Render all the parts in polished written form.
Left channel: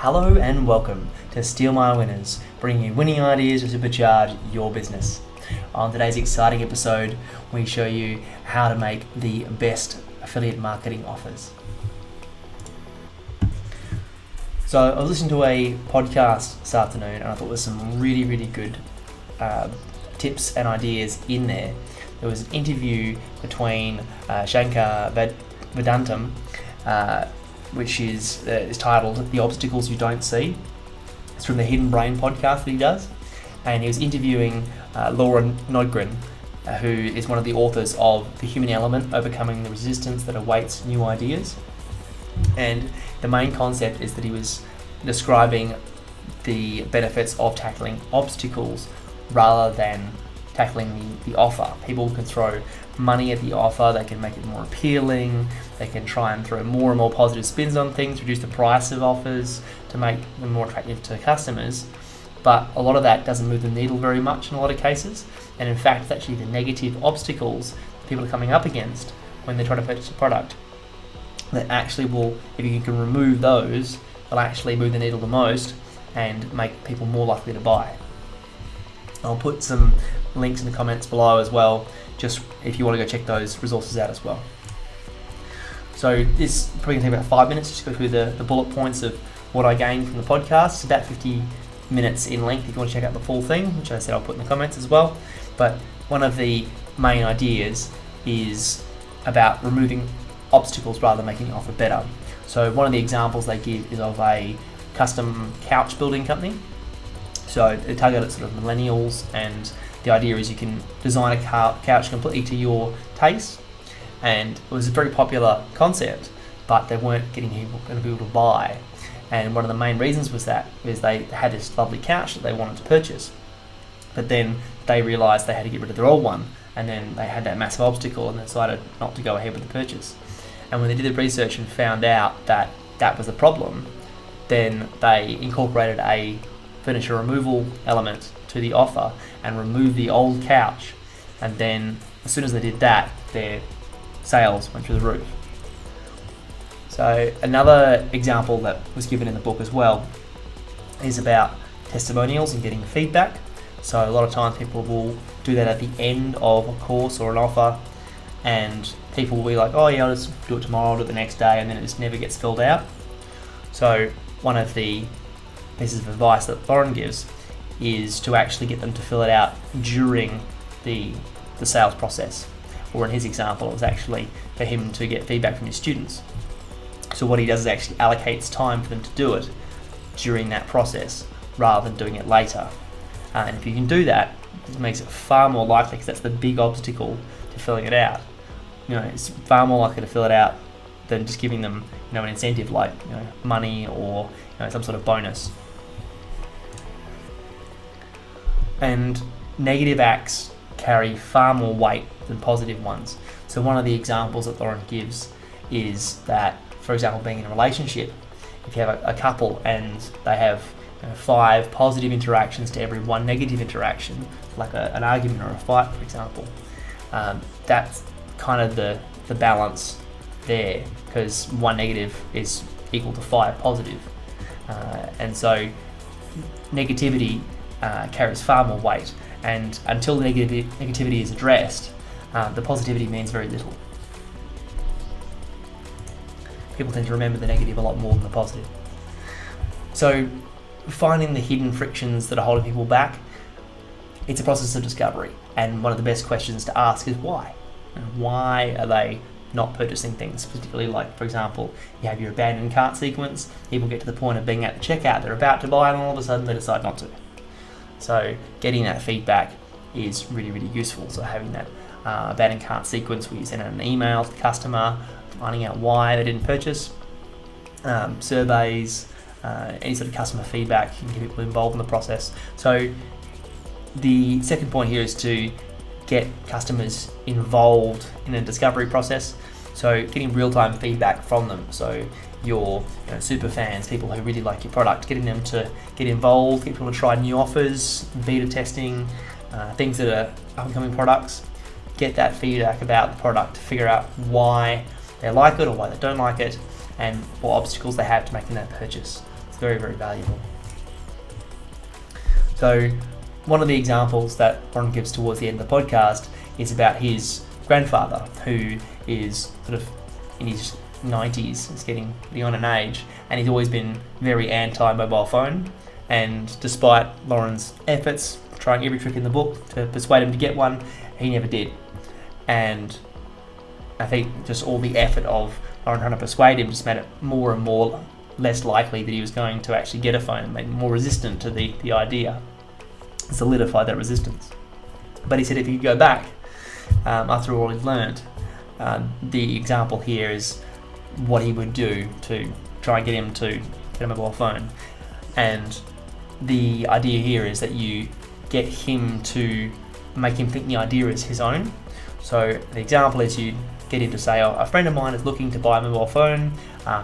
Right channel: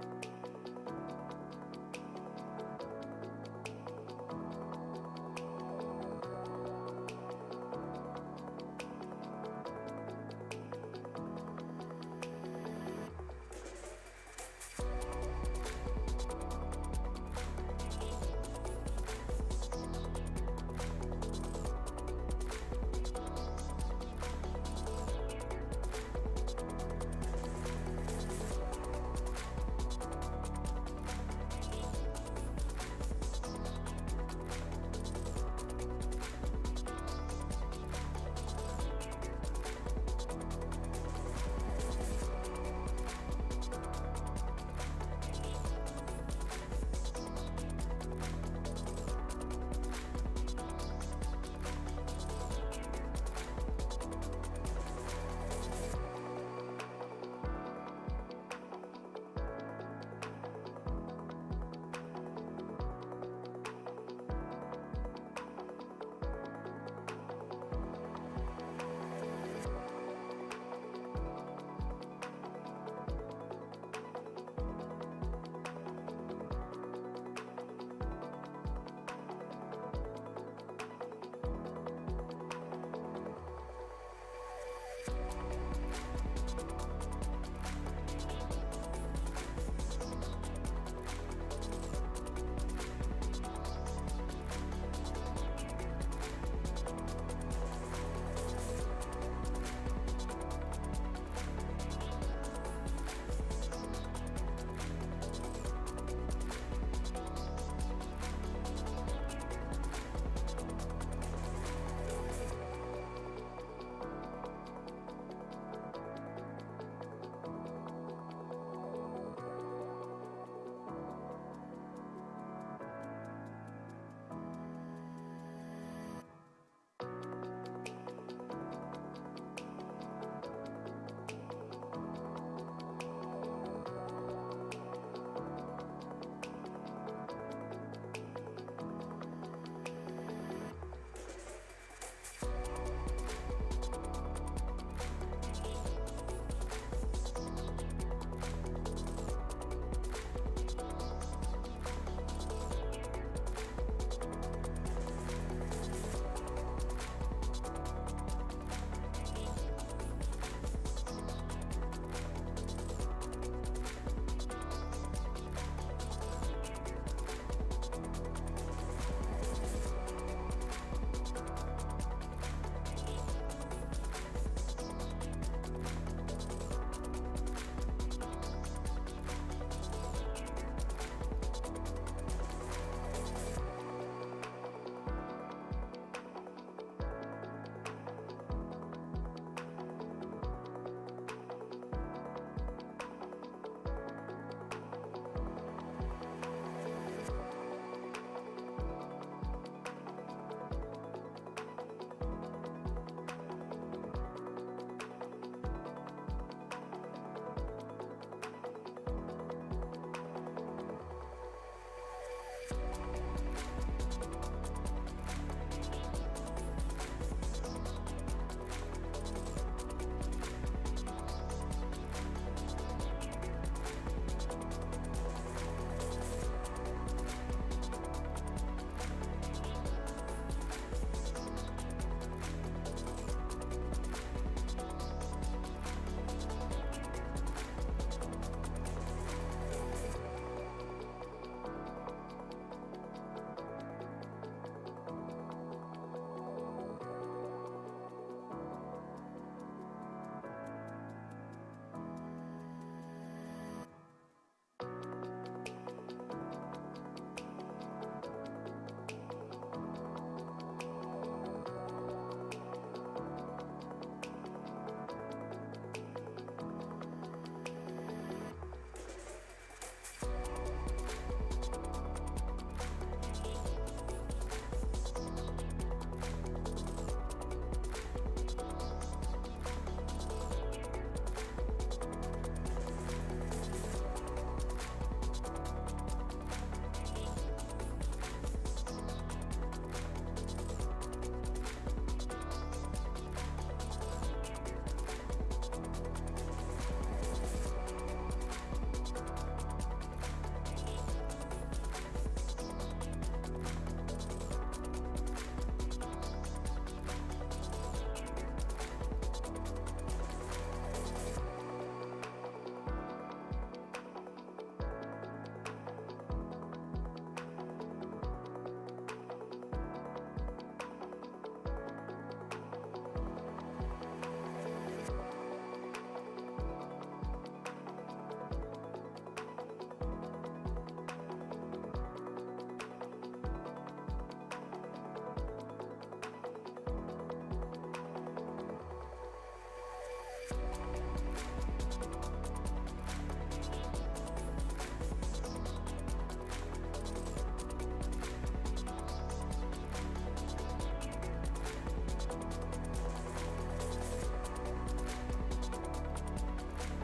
Hello and welcome to Steal My Winners, bringing you winning ideas to supercharge your business. On today's exciting episode, we show you how to make the best affiliate marketing offers. So I was listening to a podcast this afternoon and I thought there was some really good tips and ideas in there. There was an interview between Shankar Vedantam, which is titled The Obstacles You Don't See. It's from the Hidden Brain podcast that he does. And he was interviewing Laura Nodgren, who is one of the authors of The Human Element, Overcoming the Resistance That Awaits New Ideas. And the main concept is that he was describing the benefits of tackling obstacles rather than tackling the offer. People can throw money at the offer, they can make it more appealing, they can try and throw more and more positive spins on things, reduce the price of offers to make them more attractive to customers. But a lot of that doesn't move the needle very much in a lot of cases. And in fact, it's actually the negative obstacles people are coming up against when they try to purchase a product that actually will, if you can remove those, will actually move the needle the most and make people more likely to buy. I'll put some links in the comments below as well, just if you want to go check those resources out as well. So this probably going to take about 5 minutes just to go through the bullet points of what I gained from the podcast. It's about 50 minutes in length if you want to check out the full thing, which I said I'll put in the comments as well. But one of the main ideas is about removing obstacles rather than making the offer better. So one of the examples they give is of a custom couch building company. So they target at sort of millennials, and the idea is you can design a couch completely to your taste. And it was a very popular concept, but they weren't getting people to buy. And one of the main reasons was they had this lovely couch that they wanted to purchase. But then they realised they had to get rid of their old one, and then they had that massive obstacle and they decided not to go ahead with the purchase. And when they did the research and found out that that was the problem, then they incorporated a furniture removal element to the offer and removed the old couch. And then as soon as they did that, their sales went through the roof. So another example that was given in the book as well is about testimonials and getting feedback. So a lot of times people will do that at the end of a course or an offer, and people will be like, oh yeah, I'll just do it tomorrow, I'll do it the next day, and then it just never gets filled out. So one of the pieces of advice that Lauren gives is to actually get them to fill it out during the sales process. Or in his example, it was actually for him to get feedback from his students. So what he does is actually allocates time for them to do it during that process rather than doing it later. And if you can do that, it makes it far more likely, because that's the big obstacle to filling it out. It's far more likely to fill it out than just giving them, an incentive like money or some sort of bonus. And negative acts carry far more weight than positive ones. So one of the examples that Lauren gives is that, for example, being in a relationship, if you have a couple and they have 5 positive interactions to every 1 negative interaction, like an argument or a fight, for example, that's kind of the balance there, because 1 negative is equal to 5 positive. And so negativity carries far more weight, and until the negativity is addressed, the positivity means very little. People tend to remember the negative a lot more than the positive. So finding the hidden frictions that are holding people back, it's a process of discovery, and one of the best questions to ask is why? Why are they not purchasing things? Particularly, like, for example, you have your abandoned cart sequence, people get to the point of being at the checkout, they're about to buy, and all of a sudden they decide not to. So getting that feedback is really useful. So having that abandoned cart sequence where you send out an email to the customer, finding out why they didn't purchase, surveys, any sort of customer feedback, you can get people involved in the process. So the second point here is to get customers involved in the discovery process. So getting real-time feedback from them. So your super fans, people who really like your product, getting them to get involved, get people to try new offers, beta testing, things that are upcoming products. Get that feedback about the product to figure out why they like it or why they don't like it, and what obstacles they have to making that purchase. It's very, very valuable. So one of the examples that Ron gives towards the end of the podcast is about his grandfather, who is sort of in his 90s, is getting beyond an age, and he's always been very anti-mobile phone. And despite Lauren's efforts, trying every trick in the book to persuade him to get one, he never did. And I think just all the effort of Lauren trying to persuade him just made it more and more less likely that he was going to actually get a phone, and made him more resistant to the idea. Solidified that resistance. But he said if he could go back, after all he'd learned, the example here is what he would do to try and get him to get a mobile phone. And the idea here is that you get him to make him think the idea is his own. So the example is you get him to say, oh, a friend of mine is looking to buy a mobile phone,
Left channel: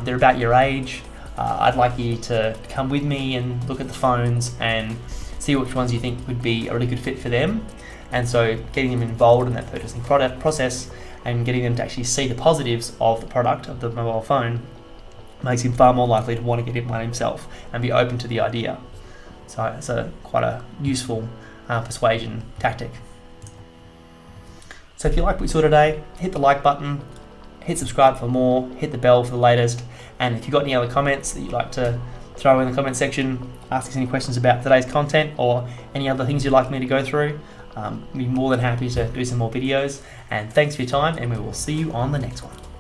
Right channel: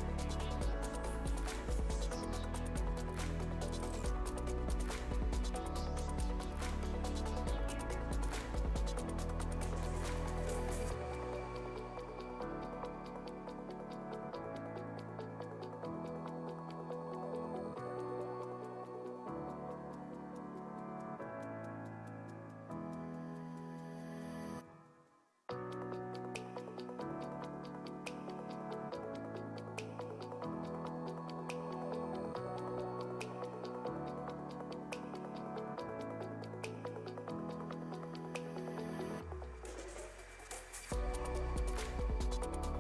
they're about your age, I'd like you to come with me and look at the phones and see which ones you think would be a really good fit for them. And so getting them involved in that purchasing product process and getting them to actually see the positives of the product, of the mobile phone, makes him far more likely to want to get one himself and be open to the idea. So it's quite a useful persuasion tactic. So if you like what you saw today, hit the like button, hit subscribe for more, hit the bell for the latest, and if you've got any other comments that you'd like to throw in the comment section, ask us any questions about today's content or any other things you'd like me to go through, I'd be more than happy to do some more videos. And thanks for your time, and we will see you on the next one.